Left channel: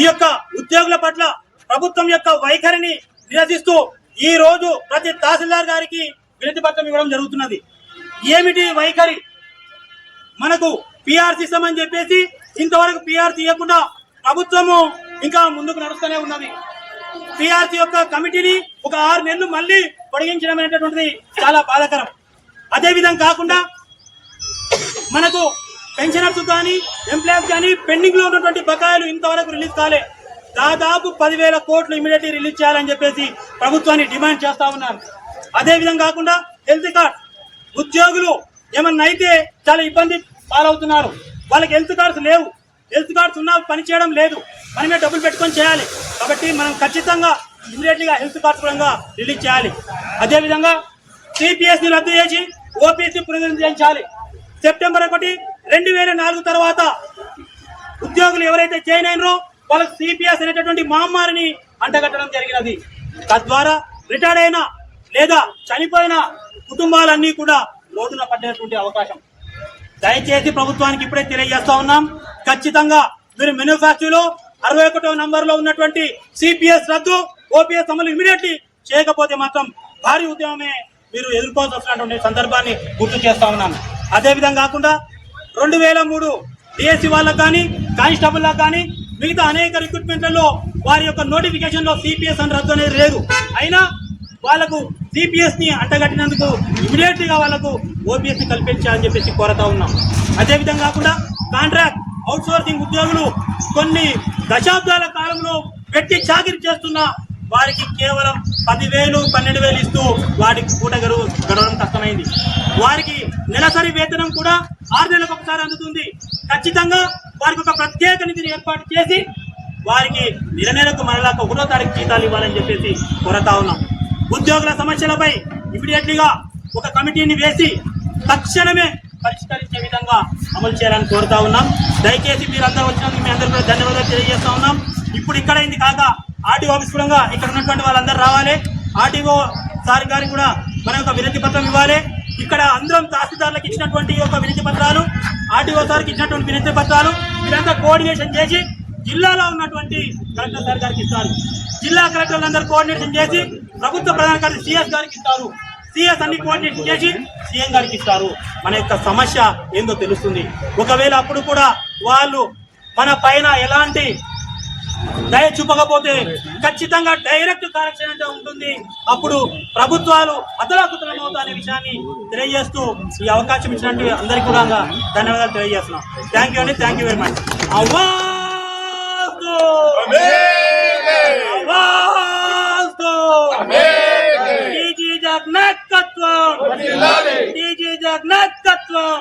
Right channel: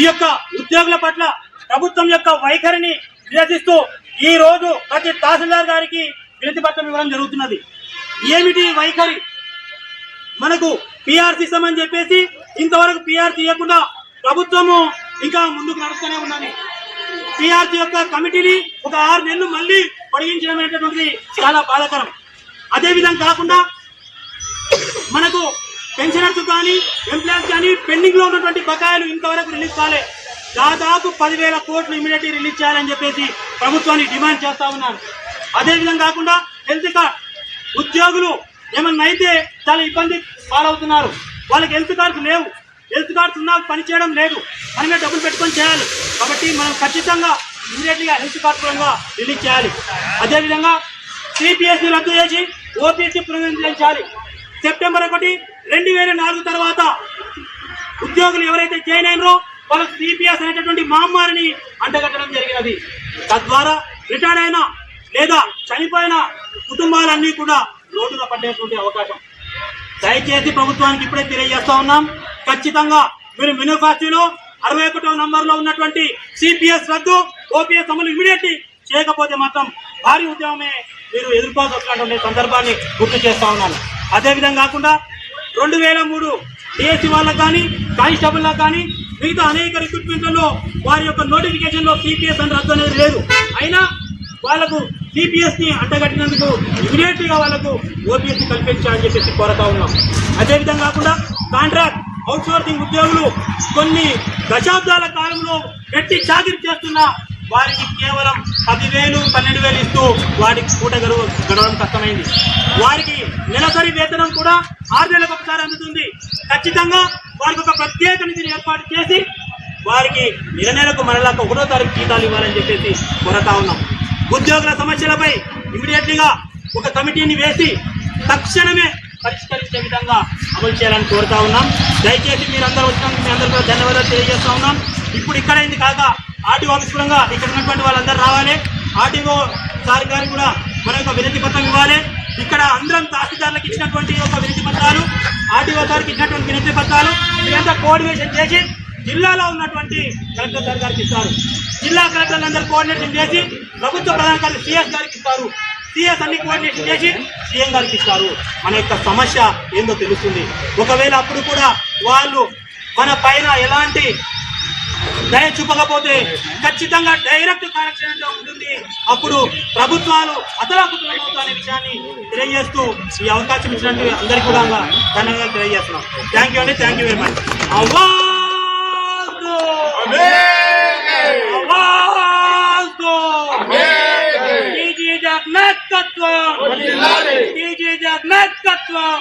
ఈ యొక్క ఉద్యోగుల పట్ల ప్రభుత్వం యొక్క వైఖరిని నిరసిస్తూ ఈ రోజు ప్రతి తహసీల్దార్ గారికి వినతి పత్రం ఇవ్వడం జరుగుతున్నది. ఏమిటి వైఖరి? మనకు పిఆర్సీ ఇస్తామని చెప్పేసి ఇంతవరకు పిఆర్సీ ఇవ్వకుండా ప్రభుత్వము ఇంకా ముందుకు నడుస్తూనే ఉన్నది. పిఆర్సీ యొక్క కమిటీని ఒక 6 నెలలు మళ్ళీ పొడిగించడం అనేటటువంటిది చాలా బాధాకరం. అదేవిధంగా కాకుండా మనకు పెన్షనర్స్ కానీ ఎంప్లాయీస్ కానీ పెండింగ్ లో ఉన్నటువంటి బకాయిలు ఇంతవరకు రిలీజ్ కాలే. దాదాపు 10,000 కోట్లు ఇమీడియట్ రిలీజ్ చేయాలని చెప్పేసి ప్రభుత్వాన్ని డిమాండ్ చేస్తా ఉన్నారు. అదేవిధంగా కాకుండా హెల్త్ కార్డ్ ఉద్యోగులు ఏమన్నా అయితే చాలా ఇబ్బంది పాలవుతున్నారు. వాళ్ళకి హెల్త్ కార్డ్స్ లేవు. హెల్త్ కార్డ్స్ ఉన్నా పని చేయడం లేదు. మనమే డబ్బులు పెట్టుకొని చేయాలి. కాబట్టి మనం ఖచ్చితంగా ఇమీడియట్గా హెల్త్ కార్డ్ పరంగా రిలీజ్ చేయాలి. అదేవిధంగా సిపిఎస్ని రద్దు చేసి ఓపీఎస్సీ పునరుద్ధరించాలి. సెప్టెంబర్ 1, 2004 తర్వాత ఉద్యోగులు ఎవరైతే జాయిన్ అయినరో వాళ్ళకి సిపిఎస్ అనేటటువంటి మహమ్మారిని అంటగట్టడం జరిగినది. తద్వారా రిటైర్డ్ అయిన లేదా చనిపోయిన కుటుంబాలన్నీ కూడా రోడ్డున పడేటువంటి అవకాశం. దయచేసి ప్రభుత్వానికి ఇప్పుడే తెలియజేస్తా ఉన్నాం, ఖచ్చితంగా మీరు మ్యానుఫ్యాక్చరీలో 61వ నంబర్లో ఉన్నటువంటి సిపిఎస్ రద్దు, ఓపీఎస్ అమలు ఇమీడియట్లీ చేయకపోతే మాత్రం భారీ ఉద్యమమే మీరు ఎదుర్కోవాల్సి వస్తున్నటువంటి సందర్భాన్ని గుర్తు చేస్తా ఉన్నాను. అదేవిధంగా కాకుండా 2003 డిఎస్సి వాళ్ళకు కానీ కానిస్టేబుల్లకు కానీ మిగతా అనేక రిక్రూట్మెంట్లలో వారి యొక్క నోటిఫికేషన్లో సిపిఎస్ అని రద్దు అనేది లేదు. అయినా వాళ్ళకు సిపిఎస్ని అంటగట్టినందుకు ఇమీడియట్గా వాళ్ళకు ఓపీఎస్ని కల్పించాలని చెప్పేసి కోరుతా ఉన్నాం. అదేవిధంగా కాకుండా కాంట్రాక్ట్ అవుట్సోర్సింగ్ ఉద్యోగులు కొన్ని దశాబ్దాల కాలంలో పెట్టి చాకిరీ చేస్తున్న వారికి కేవలం 10,000, 12,000 ఇస్తూ వారికి పూట గడవడం కష్టమైంది. వారికి నెలసరి వేతనం కూడా 6 నెలలకు ఒకసారి అందుతుంది. ఖచ్చితంగా వారికి ఒక ప్రత్యేక నిధిని ఏర్పాటు చేసి వారికి నెలకు మరలా 1వ తారీఖు జీతాలు ఇవ్వాలని చెప్పేసి కోరుతా ఉన్నాం. ఉద్యోగుల సమస్యలపై ఇమీడియట్లీగా ఒక కమిటీని వేసి తక్షణమే పరిష్కరించే విధంగా అమలు చేయాలని కోరుతా ఉన్నాం. దయచేసి మీరు అందరూ వచ్చినందుకు మీ అందరూ కూడా ధన్యవాదాలు తెలియజేస్తా ఉన్నాం. ఇప్పుడు ఇక్కడైంది కాక ఆర్టీఓ ఆఫీస్ కూడా ఇక్కడ ఉన్నటువంటి వాళ్ళందరూ రావాలి. ఆర్టీఓ సార్ గారికి కూడా మన యొక్క వినతి పత్రం ఇవ్వాలి. ఇక్కడ అందరం తహసీల్దార్లకు ఇచ్చినటువంటి యొక్క వినతి పత్రాలు, ఆర్టీఓ సార్కి ఇచ్చినటువంటి వినతి పత్రాలు మీరంతా కోఆర్డినేషన్ చేసి జిల్లాలో ఉన్నటువంటి కలెక్టర్ సార్ గారికి ఇస్తారు. జిల్లా కలెక్టర్లందరూ కోఆర్డినేషన్ చేసి ప్రభుత్వ ప్రధాన కార్యదర్శి సిఎస్ గారికి ఇస్తారు. సిఎస్ అన్ని కోఆర్డినేషన్ చేసి సీఎం గారికి ఇస్తారు. మన యొక్క సమస్య ఏందో తెలుస్తుంది. ఒకవేళ అప్పుడు కూడా వాళ్ళు మన పైన ఎలాంటి దయ చూపకపోతే ఖచ్చితంగా డైరెక్ట్ కరెక్షన్ ఉంటుంది. అప్పుడు ప్రభుత్వాలు అతలాకుతలమవుతాయనే విషయాన్ని తెలియజేస్తూ ఈ అవకాశం ఇచ్చినట్టు అందరికీ కూడా ధన్యవాదాలు తెలియజేస్తున్నాం. థ్యాంక్ యూ అండి. Thank you very much. Jagannath తత్వం